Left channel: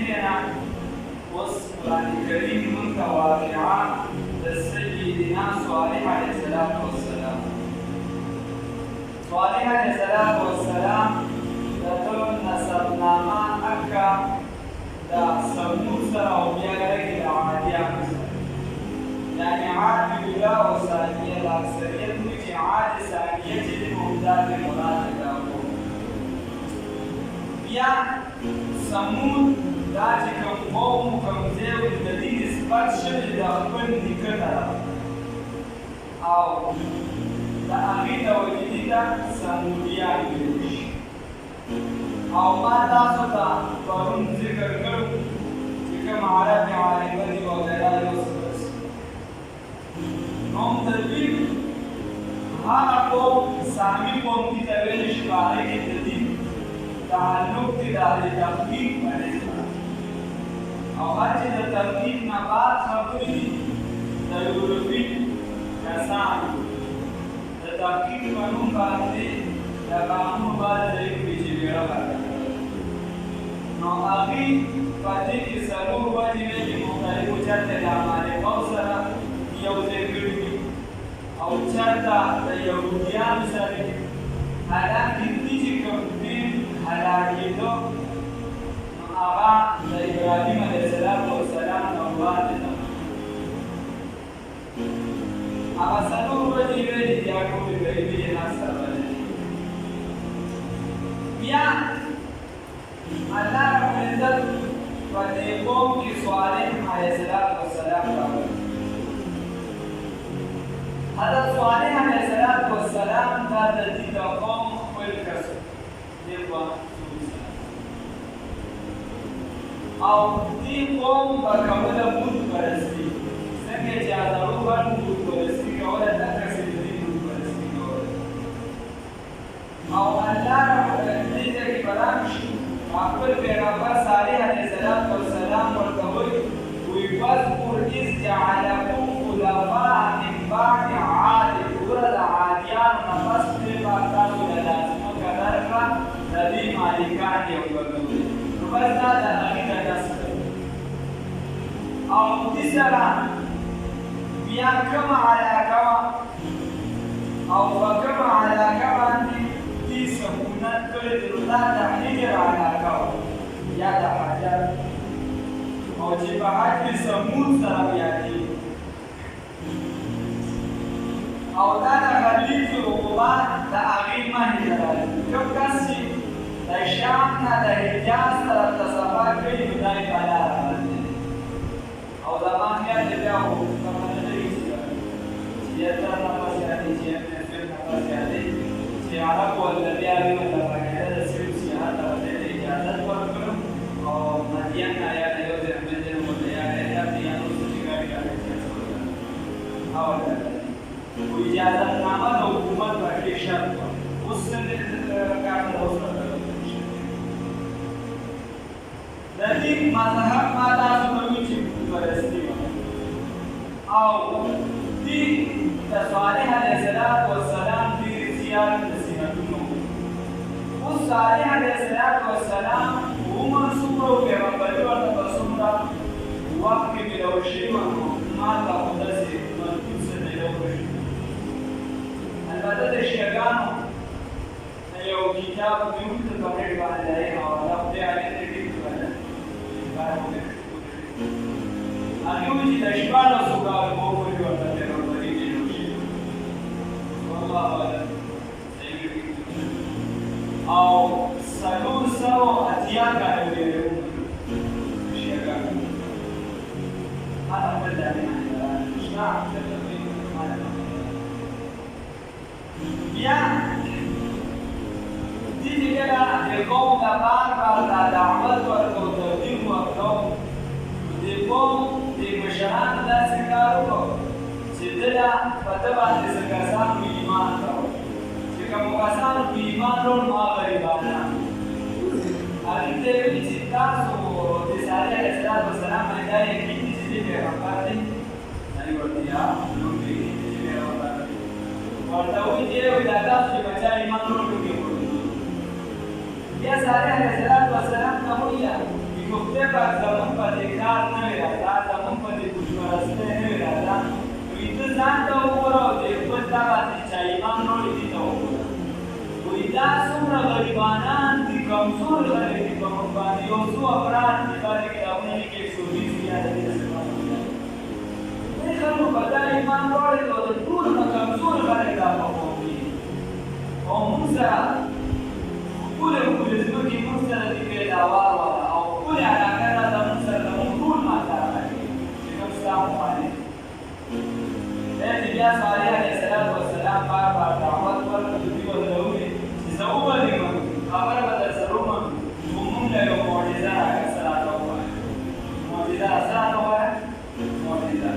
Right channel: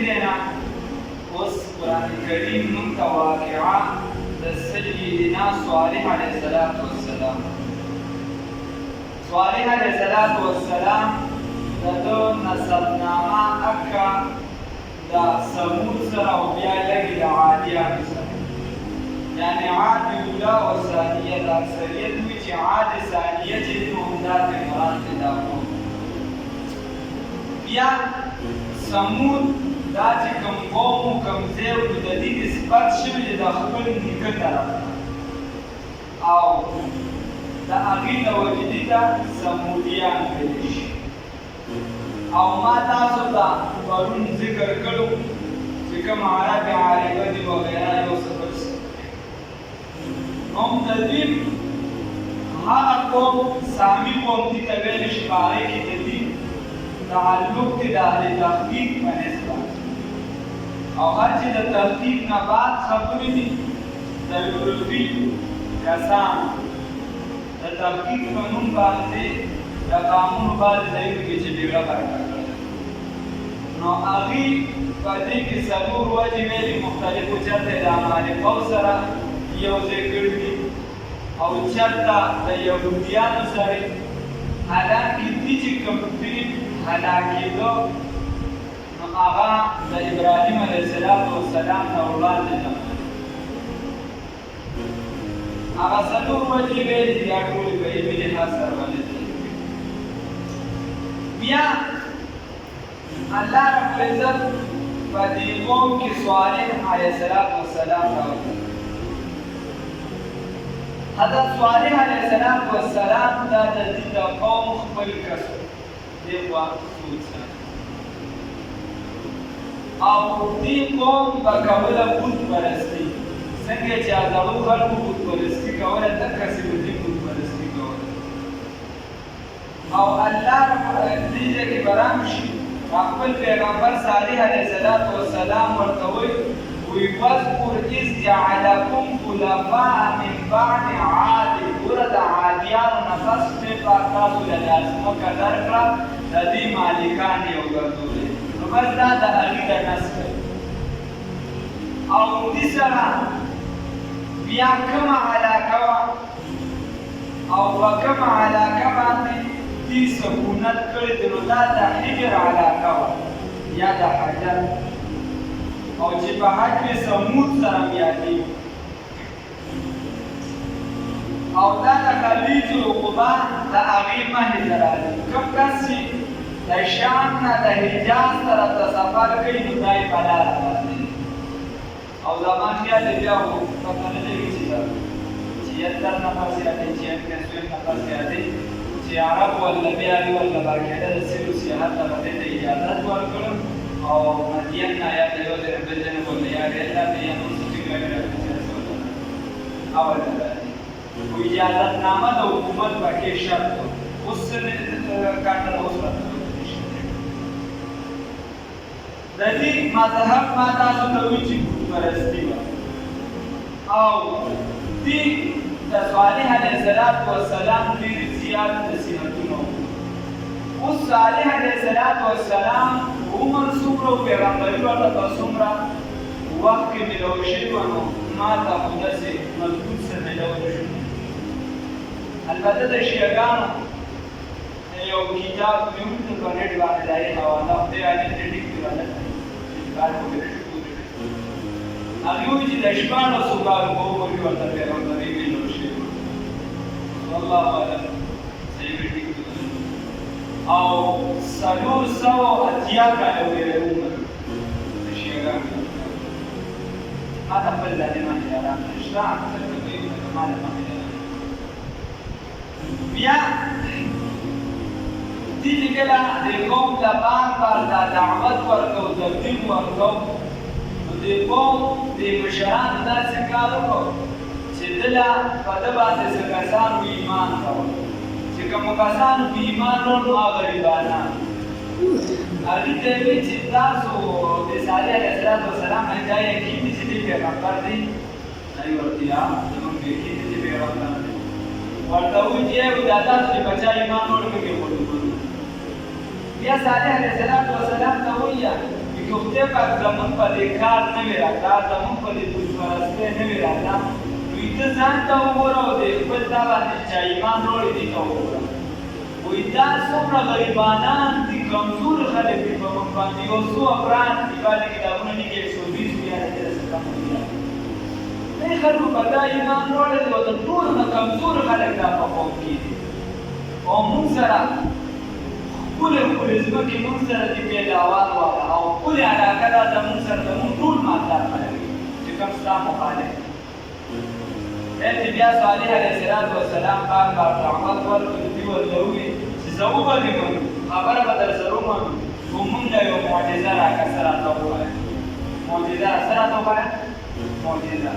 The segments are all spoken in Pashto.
دینا اوس قرآن کریم منتا واقعا د سیدنا صالح علیه السلام صالح علیه السلام دغه نسبنامه اکا دا سمود سره او بیا لګي د عادیانو سره یعنی عاد اوله او ثانیه د اکثریت وي چې عاد ثانیه چې د مهمدات مراد دا بیا سمود دا چې کوم قوم کوم ځای د دې نسبت شوی د خپل نیکه طرف او د هغې د وجدي ته سمودیان ویلی شي او ما تاسو ته پرون ذکر کړو چې کوم عرب عاربه دي وغیره یو څه نو د دې هغه قوم سامي قوم دي ته ویلی شي په هغې کې د دې تعلق دی د اهل تحقیق په نسبت او هر چې د تحقیق نه بعد خبرې دي د یوروپي کسان د تحقیق په نوم باندې د قانون باندې ځای کې چې بیړه ورکړه نو هغې په دې کې څلور وجې ویلي مختلفو چرته د امریکا سره یو ځای کړي دي او چرته د یهودیانو سره حالانکې دې چې کوم دي هلاکېدو نو هغه د ابراهیم علیه السلام نه وړاندې ده هغه څلور وجې ویلي دي هغه ټولې په علمي لحاظ سره باندې بیا الله رب العزت په دې قوم کې صالح علیه السلام راغلی حضرت صالح علیه السلام دا د دې د قوم خپل کس دیوا او دې قوم په کومه بت پرستی څنګه چې هغه خلکو بت پرستی کوله تکه چې دې بت پرستی کوله او الله دې کې برام شي خپل پیغمبر صالح علیه السلام ورته وی واذكر إذ جعلكم خلفاء من بعد عاد ورد عادیان نفس په تاسو له لازمو قدر کړه د دې مالکان یو ګرځولې نو بس دا د هغې د نسب او دې سره بیا کومه علاقه وه او په کومه علاقه باندې دې سکونت کړی دی نو دا د حجر علاقه وه یا د حجر او چې په حجر سمود سره یادېږي او دا د خلیج عقبه د هغې مخې ته راځي کوم کس چې د شام نه د حجاز طرف ته سفر کوي نو دا یې په لاره باندې او زما خیال دی بیا خو پته نه لري چې 76 نفر زیاتې 76 نفر زیاتې چې عرب ولا بیا وي ولا باقاعده د سیرو سیاحت ته ورته اجازت ورکړم او مدین آیا د یو ځای بل ځای ولا یا دا بیا نو څه ګاډي راځي او دا و اجازت نامه د حکومت پکې شرط اوس نه کاټه اوس د دې مذهب ما تاسو ته وی چې پرستی او دې د صالح علیه السلام دې زیات نصیحتونه اوس صالح علیه السلام عمر څومره پیغمبري ورته په څومره وخت کې ملو شي نو ما ته داسې مضبوط څه ملو شي البته د شیعاګانو یو کتاب مې ورته په نېټ باندې دی حواله خدای علي دې ټیک کړل کار وکړي هغه وی چې د شپاړسو کالو په عمر کې ورته پیغمبري ملو شي والله اعلم صحیح ټیک او 480 کالو کې عمر د شیعاګانو ما ته په دې باندې راځي شته ما نه بیا دې کله د قوم د بار د دعوت ورکو تبلیغ ورکو د قوم د مشران داسې کار وکړو چې دله په ده باندې څه کسان ایمان کړو چې کوم کسان ایمان لرل هغه غریبانان هغې ته ویل چې تاسو د صالح علیه السلام دا یقین دي چې دې پیغمبر دی هغې ورته یا زموږ یقین دی چې پیغمبر ورته وایي چې دا تاسو چې بچا ایمان لرل کوي بیا صالح علیه السلام ته وایي چې خدای پاک زموږ په دې کار نه وي راغلی، زموږ په دې بتپرستۍ نه وي راغلی، وایي ته ځان ته وګوره او د خپل تا باندې چې چا ایمان راوړی دي ته وګوره. وایي دا څومره غریبانان دي، کمزور خلک دي په موږ باندې، یو څو افراد دي باندې کتابونه لیکي 120 بیا دې خلکو په دا ایمان راوړی او د ټولو نه کمزور خلک دا په قوم کې دي. او موږ سره ښکلې ښکلې ځمکې موږ سره د پیداوار وکړه او ښکلې علاقه دا زموږ سره زموږ ټول مالدار خلک دي چې کوم ستا مخالف دي. بیا صالح علیه السلام بار دعوت ورکړي، دوی ورته وویل چې زه وبلېږم خبره به در سره ومنو، خو موږ له یو معجزه راکړه، څه راته ووایه معجزه، څه راته ووایه معجزه.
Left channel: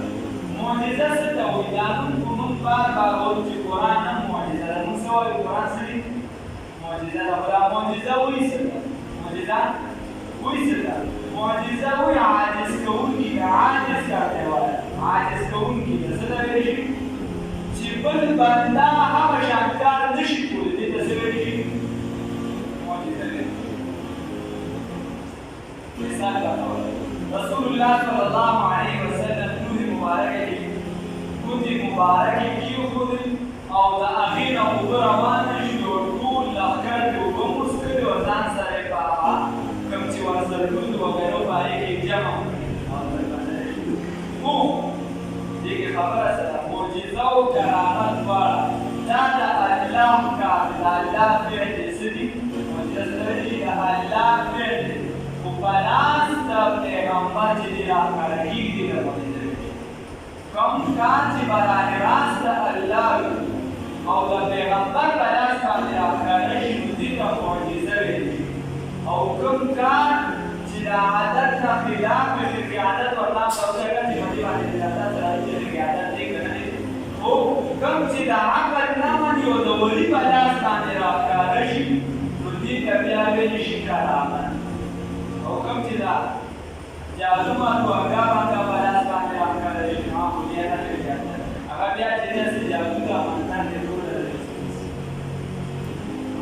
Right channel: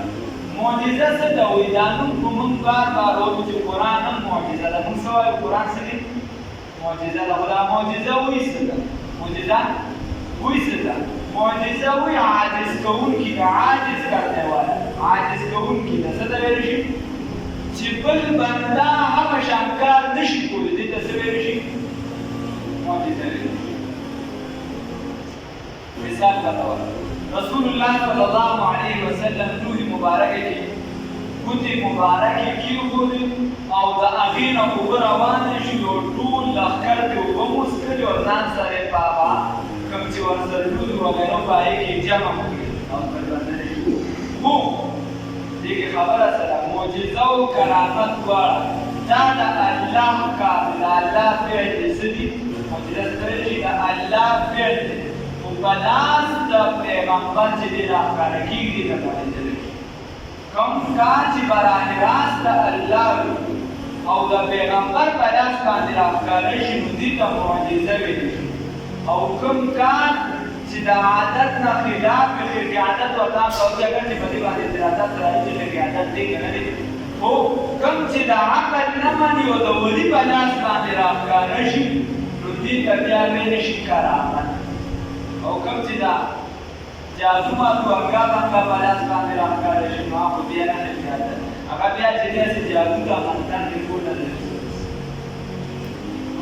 معجزه څه ته وایي؟ دا نوم خو موږ بار وایو چې قرآن هم معجزه ده. موږ څه وایو؟ قرآن څه دي؟ معجزه ده. خو دا معجزه وایي څه ده؟ معجزه وایي څه ده؟ معجزه وایي عاجز کوونکي ده، عاجز کارته وایه، عاجز کوونکي ده. څه ته ویلی شي؟ چې بل بنده هغه شان کار نه شي کولی، دې ته څه ویلی شي؟ معجزه ویلی شي. مثال بتاوه، رسول الله صلی الله علیه وسلم روح مبارکه کې ګوتې مبارکې کېښودې او د هغې نه اوبه روانه شي او ټول لښکر پرې اوبه موسکلې او ځان سره یې په هغه کوم چې ورسره لوند وغیره په هغې کې جمع کړي او بربندرې کړي. خو دې کې خبره سره معجزه او کرامت دواړه دا د الله کار دی، د الله فعل دی. څه دي؟ معجزه څه ته ویلی شي؟ د الله فعل دی، خو په لاس د پیغمبر چې دی راښکاره کېږي د معجزه وي. کوم کار چې براه راست د الله وي او د پیغمبر په لاس باندې راښکاره شي نو دې ته معجزه ویلی شي. او کوم کار چې د عادت نه خلاف وي، خرقې عادت ورته هم راوځه چې په دې باندې د عادت راځي چې خرقې عادت دی که نه دی، خو کوم چې د عقل نه مني او د ولي په لاس باندې راښکاره شي نو دې ته بیا ویلی شي کرامت. او کوم چې د جادو مالو هغه باندې په لاس باندې راښکاره شي نو هغه بیا نه دی عادت، هغه بیا چې داسې جادو د افغانستان کې ټوله ده.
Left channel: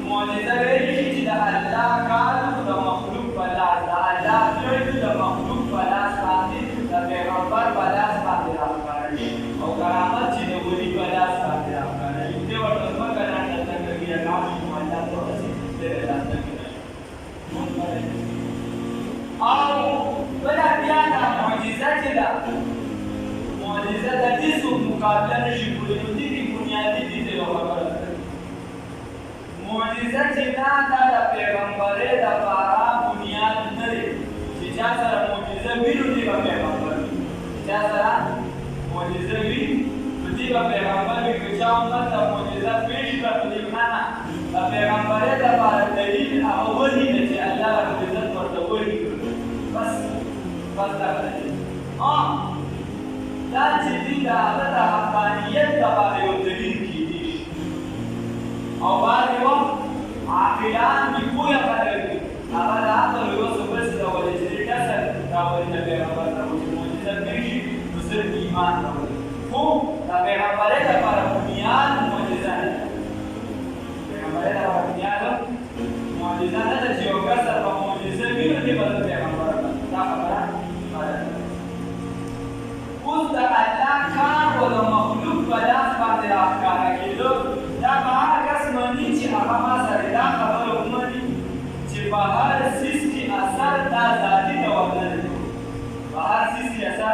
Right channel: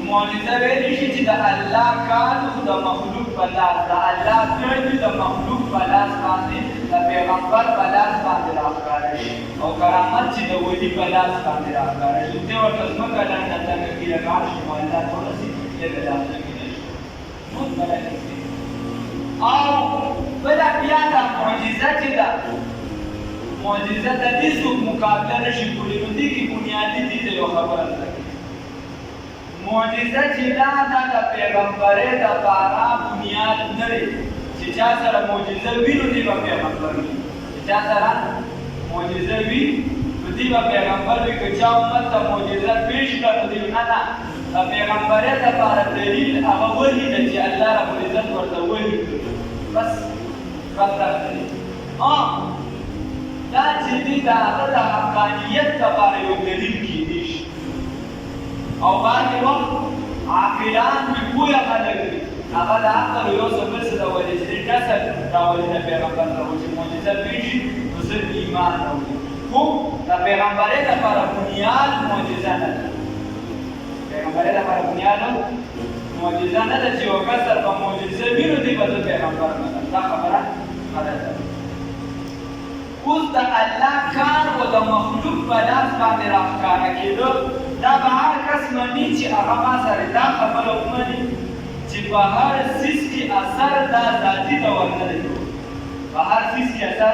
معجزه ویلی شي چې د الله کار د مخلوق په لاس، د الله فعل د مخلوق په لاس باندې د پیغمبر په لاس باندې راښکاره شي. او کرامت چې د ولي په لاس باندې راښکاره شي، ته ورته ځمکه ډنډه تنګه کړي لاړ شي معجزات ورسي دې به داسې کېدای شي. او بله بیا دا معجزه چې ده، معجزه د دې څوک مقابله نه شي کولی. نو دې کې بنیادي دې ته یو خبره ده، معجزه چې دا د پیغمبرۍ دپاره بنیاد نه دی. چې چا سره معجزه وي نو دې به پیغمبر وي، چې چا سره معجزه وي نو دې به پیغمبر وي. که چا امت ته معجزه پېښ کړه نو دې نه د پیغمبرۍ دپاره دلیل هغه وحي ده چې الله ربالعزت ورته وحي کړي، بس دا دلیل. دا چې دې د هغه د حقانیت دپاره یو دلیل کېدی شي. او بعضې وخت عاقلان دي، پوهه خلک دي، هغه د عقل یو څه بل څه راولي چې دې کسر راولي د پیغمبر راولي چې معجزه پېښ شي نو صرف ایمان راولي. خو د پیغمبرۍ دپاره بنیاد معجزه نه ده، پیغمبرۍ دپاره بنیاد معجزه نه ده چې یو کسر په معجزه وي نو دې به د پیغمبر دا خبره غلطه ده. اوس د الله کار او د مخلوق په لاس باندې راښکاره کېدو دا به هغه کس مني چې هغه ما سره دا خبره ومني چې په هر څیز کې اثر دا ذاتي ډول نه دی، په هر څیز کې اثر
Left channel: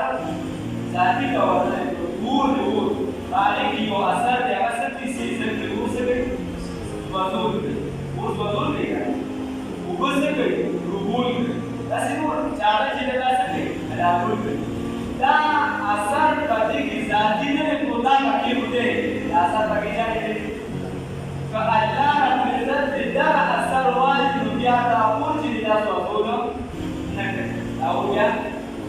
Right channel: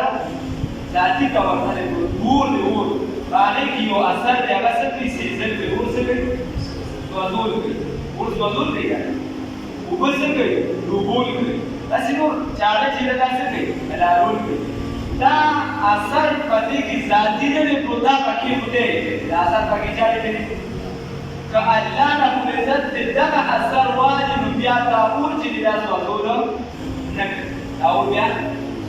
ذاتي ډول نه دی. اور دی، اور په هغې کې یو اثر دی، هغه څه کوي؟ سیزل کوي. اور څه کوي؟ سوځول کوي. اور سوځول کوي که نه؟ اوبه څه کوي؟ روبول کوي. داسې نور چاړه چې ده دا څه کوي؟ لارول کوي. دا اثر په دې کې ذاتي نه دی، خو دا پکې دی، دا اثر پکې چا دی؟ که الله ربالعزت دې دغه اثر والی نو بیا دا اور چې دی دا سوځول نه کوي، دا اور بیا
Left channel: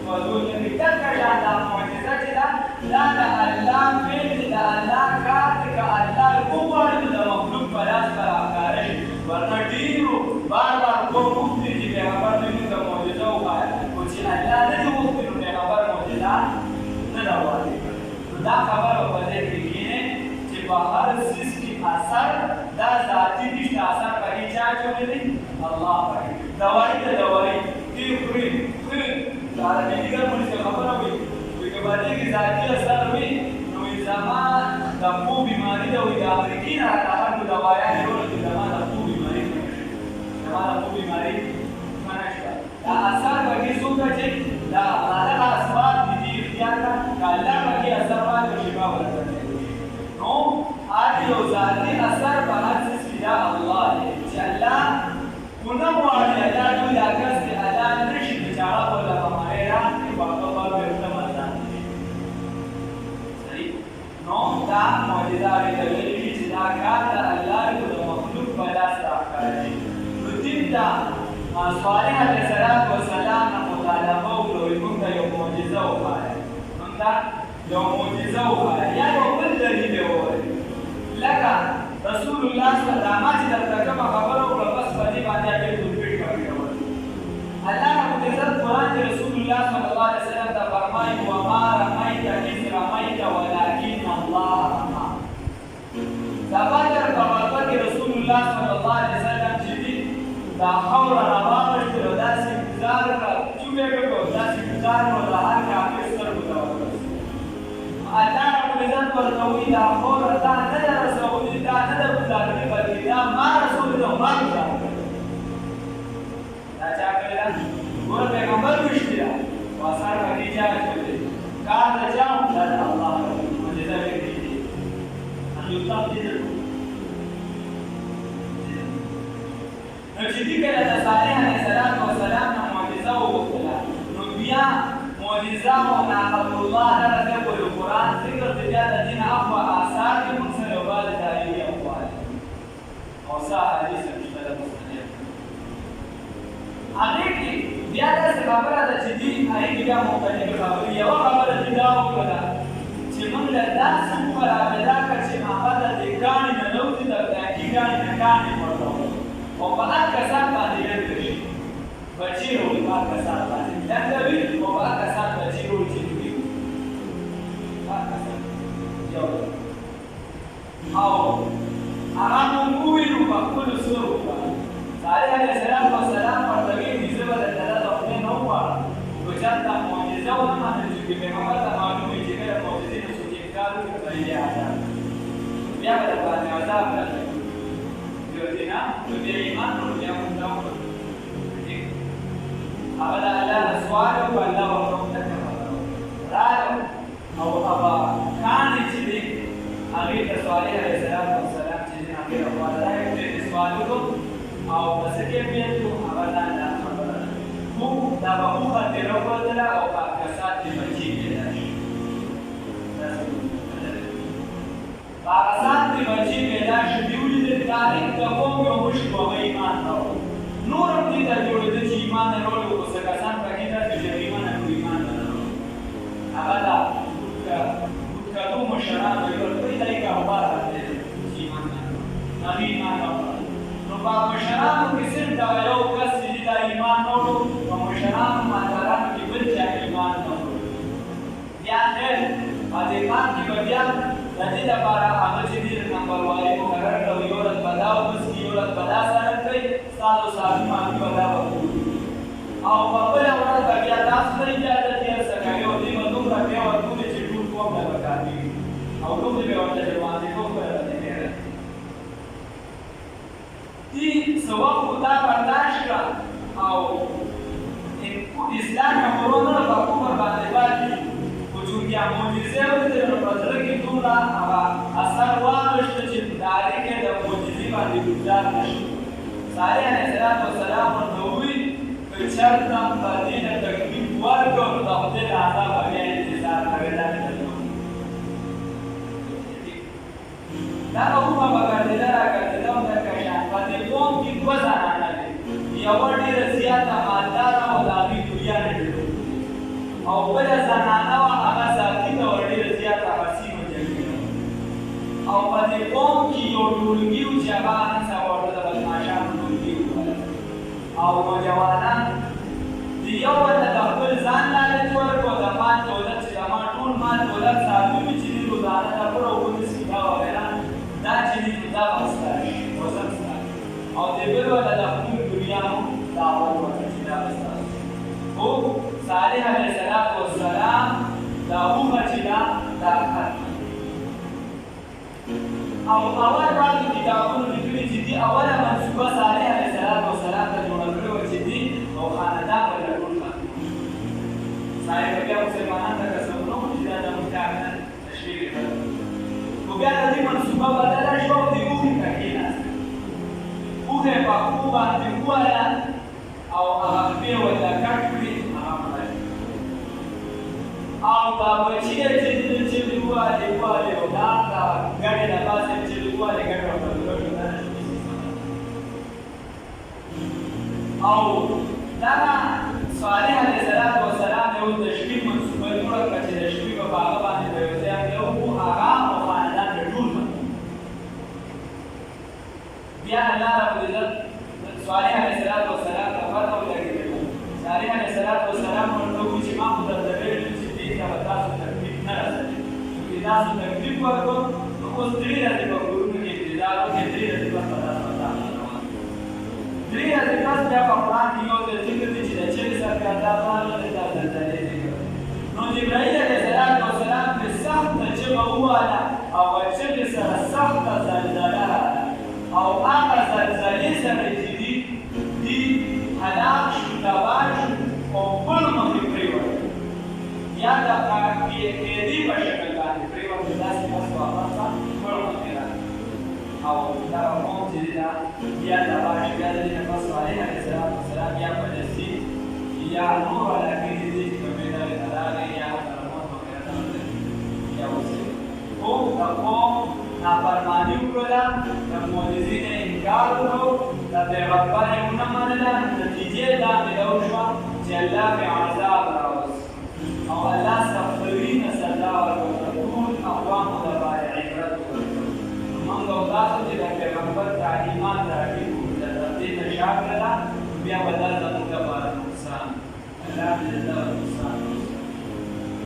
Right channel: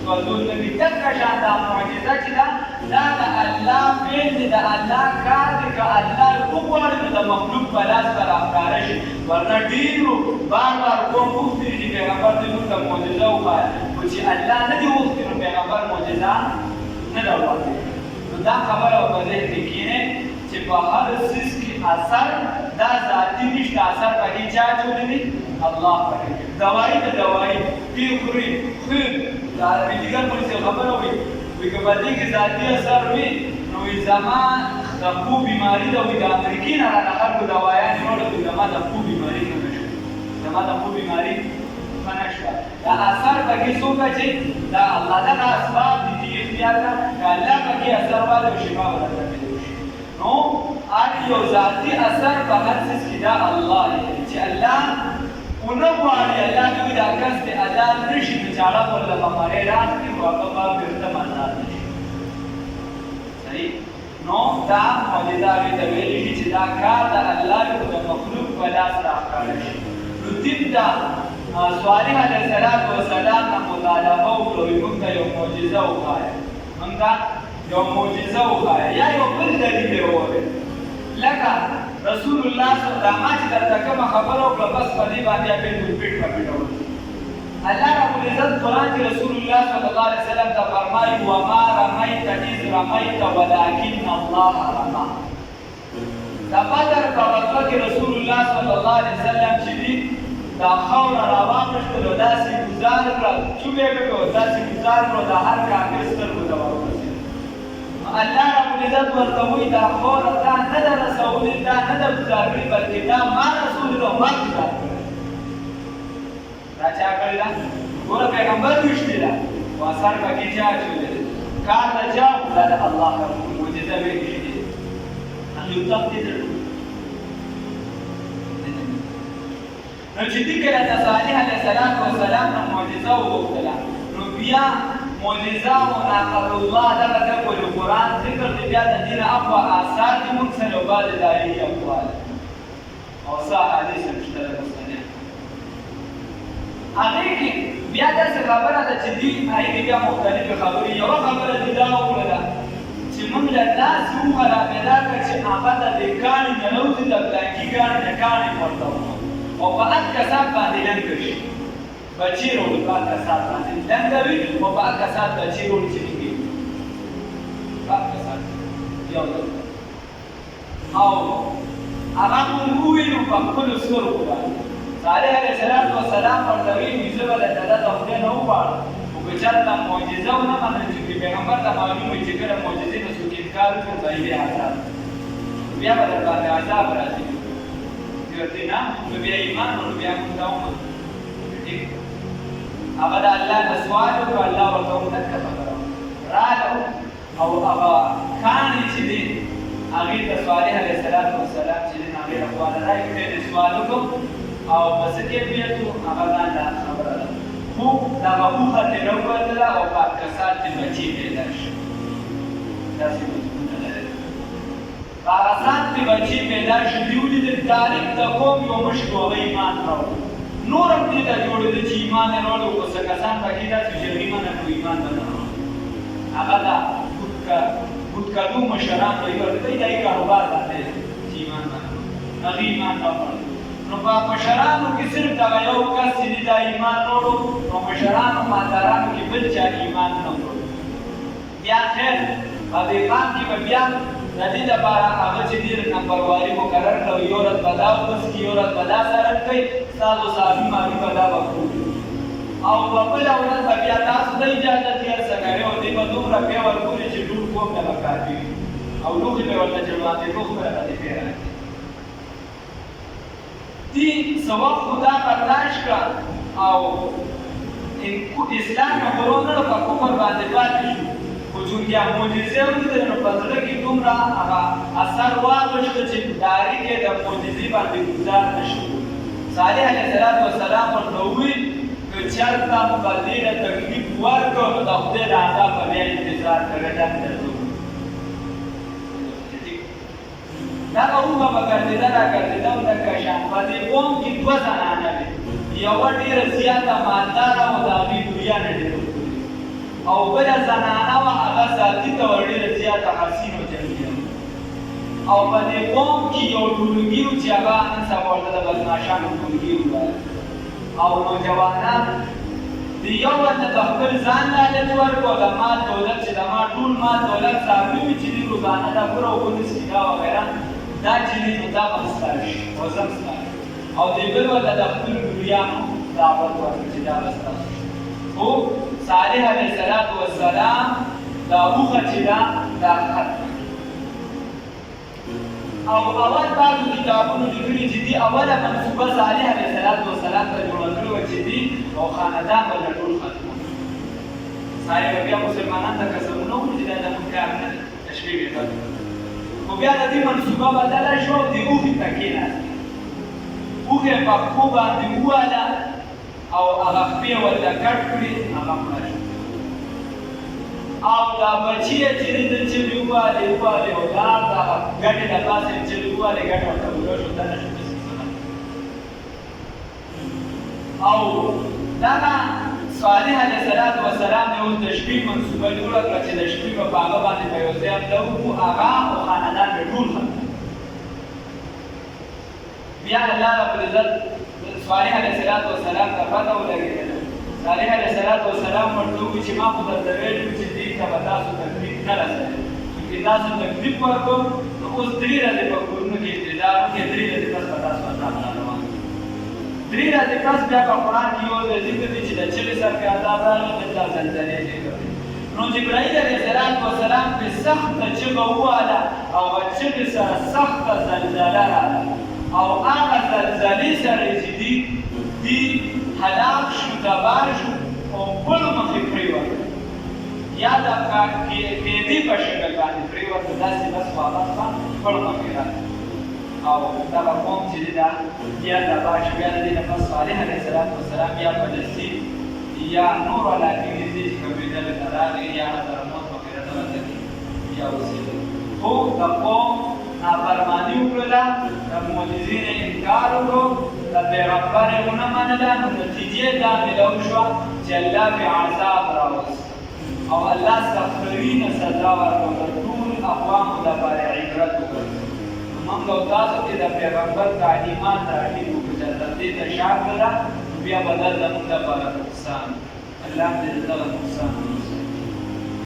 سوځول نه کوي. دغه شان دا معجزه چې ده دا د الله فعل دی، د الله کار دی. که الله وغواړي نو د مخلوق په لاس به راښکاره شي. ورنه ډېرو بار قوم غوښتي چې پیغمبر دې موږ ته معجزه وښایه، خو چې الله نه دي غوښتي نو پیغمبر معجزه نه ده واقع. نو دا خبره په ذهن کې کښېنئ چې په هر څیز کې اثر دا ذاتي نشته، اثر پکې چا جوړوي؟ الله پاک دوايي ته دوايي دې خوري خو دا میډیکل پولیس خبره وي چې په دې کې ذاتي اثر وي نو زمان د خو بیماری د امریکای نه راغلو دوايان جوړه دي زما د خو بیماری نشي زما د خو بیماری نشي دا اثر پکې څوک چې دا الله تعالی اسباب دي اختیار دا الله پکې اثر والا شفا ورکړي نو یو ذاتي اثر په هر څه کې دا الله چې الله ونوالي الله دوی دا کس ته ادا نشي چې چاړه پر لماره راځي ورته په ورته معنا صحیح نو دا معجزه دې ویلي چې دا کار د الله د مخلوق په لاس راغلی نو دې دا صالح علیه السلام مطالبه وکړو موږ یو معجزه وکړه موږ یو معجزه وکړه یا یو بل دلیل وکړه لکه رسول الله صلی الله علیه وسلم چې کوم خبره او بس باندې باندې په پیټ باندې الله رب العزت قرآن کې رسول الله صلی الله علیه وسلم ته فرمایي وما رميت اذ رميت ولكن الله رمى دا بدر په وخت کې رسول الله صلی الله علیه وسلم چې دا خور روانه شو داسې گزار کړ چې به داسې گزار کړ د هر کافر سره الله رب العزت ورته دا خور دا نه د رسول دا نه د گزار کړي بلکې دا ما رسول الله ما گزار دا چا کړل ګور پیغمبر وشتي دا واسار پکې چا چولې کار دا چا د الله رب العزت ویلي دي ان یو تفصیل نو چې دې کله د صالح علیه السلام نه معجزه وکړه نو بیا معجزه او نقل الله تعالی د قرآن ذکر دې بیا د دین اقوا آثار دې موږ سره وبال دایي اقوال او صح حدیث مشترک مستند هغه کې بیا د خبره د چې دې هغه بیا مختلف خبرې یو خبره دې دا وکړه چې موږ له تاسو سره پیدا کړ چې هغه د کاني نه نو دې د بلاکی کاني ورته او په هغه کسان باندې لنګ شي بچی ورو په هغه کسان باندې لنګ وي او په هغه کسان بچی ورو چې وي هغه کسان یو او هغه موږ نو په خپل سره باندې صالح علیه السلام ورته وی چې زه د الله خدای نه وغواړم او چې دا معجزه ونه منل چې پیغمبر ته معلومه چې کله معجزې د څوک انکار وکړي بیا به باندې عذاب راځي دینا نو بیا ایمان نو بیا موږ دا وکړو هغه د الله د سوال او الله ورته وکړه راځو او هغه کان چې دی هغه د صالح علیه السلام چې هغه په اړه راځي د سوال او بس کې بیا ته هغه دا خبره خو دا به خاطر وکړه او پاکستان ته بچی پیدا شي تاسو پاکستان ته بچی پیدا شي دیولې د تاریخ د قوم یو مشکو ایمان نور هم دې ته جوړېدل چې ایمان وروړو او څه کسان پکې دا چې ایمان نه ایمان نه هغه دا کدو مشران دی ورته دای کاروبار دی چې ایمان نه ایمان نه نو په مشرانو کې صرف دا یو کس چې دا ایمان وروړو او مشرانو مالدارانو کې بل چا ایمان نه وروړو بیا خیر په دې باندې کې بیا د دې لپاره هغه چې ډېر نمبروالي مقرر کړو یو ورځ به دا وبس یو ورځ به دا سره کوي ستاسو صاحبي مالي به دا وکړي او په بله ورځ به بیا تاسو ته اجازه تېر څه کوي او دې به دومره بیا ورکړي چې ټول قوم ته به کافي وي او لوښي به ورته جماعتې کوم بله به دې بیا دې څه وخت خو دا برداشت کړه او اسلام نه ورونه په کفر باندې پاتې بیا معجزه ورته نو په زړه کې دومره هغه اثر واغښت چې داري کې د معجزې باندې گزار نشي صالح علیه السلام ورته وویل که چېرته به دې ته تکلیف ورکړو نو د خدای د عذاب به بیا انتظار کوې دا مې دا اومه به ګرځېده راګرځېده او دغه شان په دې قوم کې دوه زنانه وې یوه ډېره زیاته مالداره او د هغې ګوریانې ډېره او بله زنانه وه هغه ذاتي ته ور ډېره زیاته حسین او جمیله او په دې قوم کې یو ټولګي و چې هغه نن سبا ورته د بدماشانو ټولګي وویل او نوجوانان د یو بل نه د خپل ځان لالچ ورکړو د مال دولت چې د ما ټول مال دولت صاحبي وي چې دې روزانه دا پوره اوبه څښي دا وغیره دا چې دې دا به ستا شي روزه ستا او دې بل ورته د خپل بيانو دعوت ورسول الله هو صالح عليه الصلاة والسلام دعوه چدا دعوت او اول بعضو کتابونو لیکلي چې دي اوله منسوبه صالح علیه السلام ته جوړه کړې وه چې دي او خاندان به له ټول ختمول صالح به بیا مسلمانان ته قسمونه وکړي چې دا زموږ کار نه دی تشریح یې کړ خو بیا د دې منسوبه بدله شوه او د اوښې ته کېناسته اوښې په پښو باندې ووهله او هغه پښې ورته کټ کړي هغه مړه شو او دا بچی یې چې د چلې ووهلې او دا ګټې د پاسه چې ووهلې ګټه ورته ورو شو دا نه شو او دغه صالح علیه السلام د اوس د شپې منصوبه جوړه کړه چې د شپې به په هغه باندې به یو ځای تلو خو هغه او خاندان به ټول ختم بیا الله رب العزت صالح علیه السلام ته پته ولګېدله صالح علیه السلام ورته وویل چې ما خو درته ویلي چې دې ته به تاسو تکلیف نه رسوي چې تاسو تکلیف ورکړو نو اوس 3 ورځې په کورونو کې انتظار وکړئ 3 ورځې پس به تاسو عذاب روان 3 ورځې پس بیا په قرآن کې یو ځای ذکر دی چې د چغې سر کې عذاب راغله دلته زلزلې ذکر دی نو جبرائیل علیه السلام پرې سخته چغه ووهله او هغه چغې سره سخته زلزله راغله او هغه زلزلې سره چې دي هلاک شو تباه شو او بل مخې پرېوته یا د قیدي په شکل باندې پرېوته داسې بس واپس بل مخې راغله او دغه قوم چې دی دا بیا تباه شو بیا د دې نه پس صالح علیه السلام یا فلسطین یا نور علاقې کې دي چې کومې ډلې ته راغلې یا هلته رحمت وغیره ته ورتلي یا اوسېدل خو د قوم نافرماني وکړله د معجزې نه انکار وکړو د پیغمبر یې ونه منله نو نتیجې دا ملو شوه چې الله پرې عذاب راوست او الله سختوي نه سزا ورکړه ټول اقوامو لپاره عبرت وګرځوي موږ او تاسو چې د پیغمبر تعلیمات تعقیب وکړو چې دې ته شا کړله بیا به دا زموږ لپاره نقصان الله دې دغه نقصان